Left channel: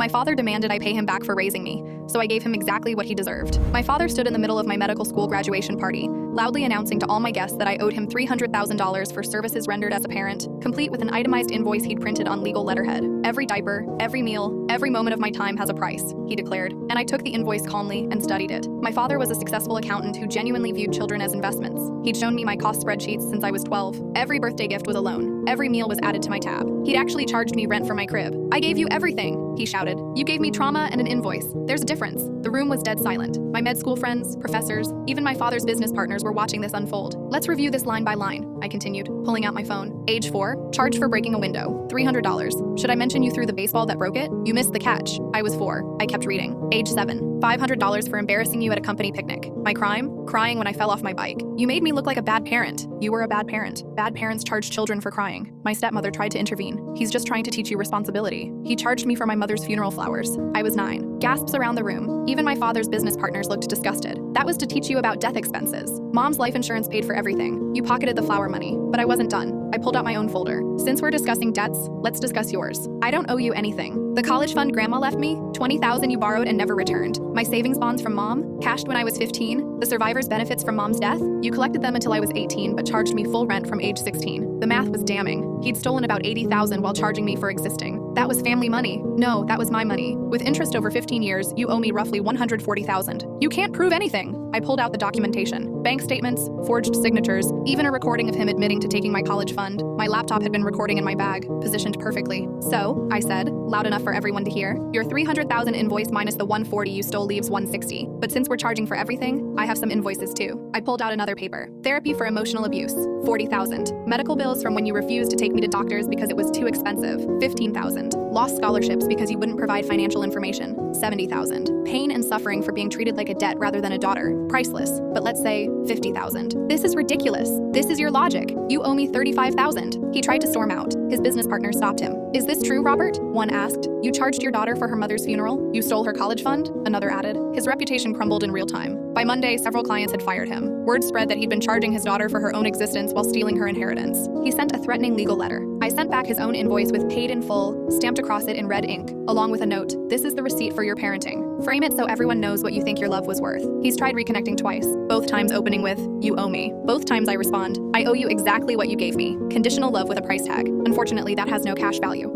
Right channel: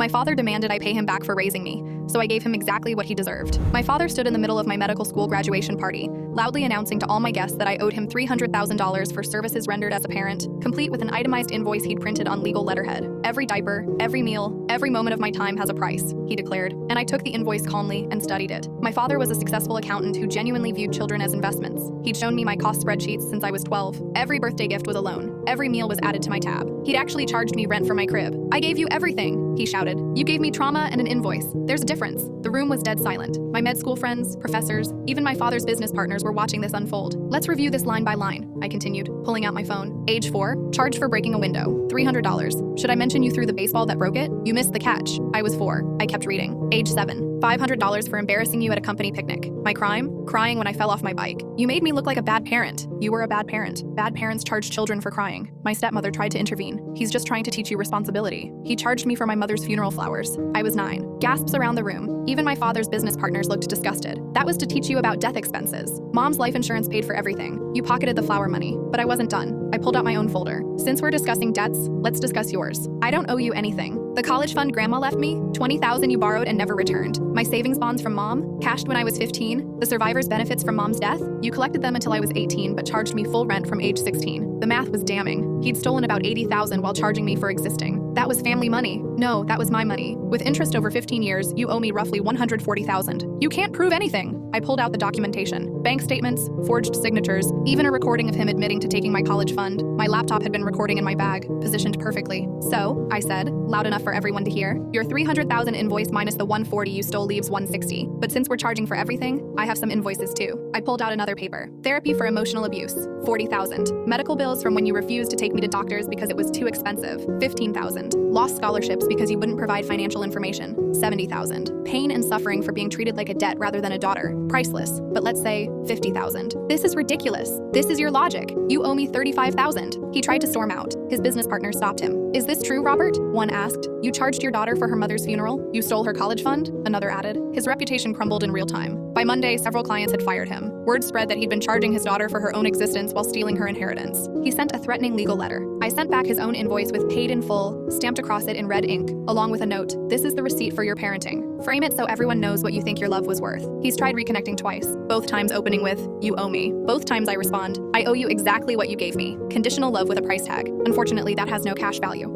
My father demanded I pay him back for raising me, so I gave him exactly what he deserved. My father stood in the middle of my medical school graduation party, loudly announcing to all my guests that I owed him $300,000 for services rendered as a parent, complete with an itemized invoice he'd printed on legal letterhead. Every diaper, every meal, every moment of my time has a price, he declared, and I took the invoice calmly and studied it. My father was a successful accountant who genuinely viewed children as investments. He'd shown me my cost spreadsheets since I was 12. Every birthday gift was a loan. Every meal was added to my tab. He'd actually charged me rent for my crib. "I gave you everything," he shouted. "You gave me trauma and an invoice. There's a difference." The room was dead silent. My med school friends, professors, even my father's business partners were watching this unfold. "Let's review this line by line," I continued, pulling out my phone. "Age 4, charged for breaking a window, $300. Should I mention you threw the baseball that broke it? You missed the catch." I was 4. I kept reading. "Age 7, $500 for embarrassing you at a company picnic. My crime? Crying when I fell off my bike. You made me look like a bad parent. You were a bad parent. Bad parents charge children for crying." My stepmother tried to intervene. "He's just trying to teach you responsibility. He charged me for my mother's funeral flowers." I was 9. Gasps around the room. Even my father's business partners looked disgusted. "That was to teach you about death expenses. Mom's life insurance paid for everything. You pocketed the flower money." But I wasn't done. I pulled out my own folder. "Since we're discussing debts, let's discuss yours. I don't owe you anything. The college fund grandma left me, $20,000 you borrowed and never returned. My savings bonds from mom, cashed when I was 15. The survivor's benefits from mom's death, you collected them until I was 18 but charged me full rent from age 16. The math was damning. He'd stolen about $80,000 while charging me for existing. That was family money. No, that was my money. With interest over 15 years, you owe me roughly $140,000. You can't prove anything." I pulled out the documentation. Bank statements, forged signatures, even a recording of him admitting to taking my college fund. My laptop had been recording in my bag, positioned perfectly. "So," I said, loud enough for everyone to hear, "your $300,000 invoice minus the $140 you stole leaves $160. But since we're charging for everything, I have some invoices too." I pulled out another paper. "Therapy for emotional abuse, $40,000. Medical bills from when you refused to take me to doctors because it was too expensive, $15,000. Lost scholarships because you wouldn't provide financial information, $70,000. Pain and suffering for being treated like a debt rather than a daughter, priceless, but let's say $50,000. This is ridiculous. This is your logic. You owe me $35,000. He tried to storm out. His business partner stopped him. "Is this true, Robert?" One asked. "You charged your daughter for her mother's funeral? You stole her college fund?" Another added. His reputation crumbled in real time. By Monday, several clients had fired him. Word spread that he'd been charging his daughter for her own existence while stealing her inheritance. He sent a threatening legal letter. I sent back his own invoice with "paid in full" stamped across it in red ink, along with a note. "This is the receipt for your parenting. Frame it so everyone knows what you think your love was worth." He's tried reconnecting twice, both times opening with, "You owe me." Both times I respond, "I owe you exactly what you gave me. Conditional love with a price tag. Unfortunately, that has no cash value."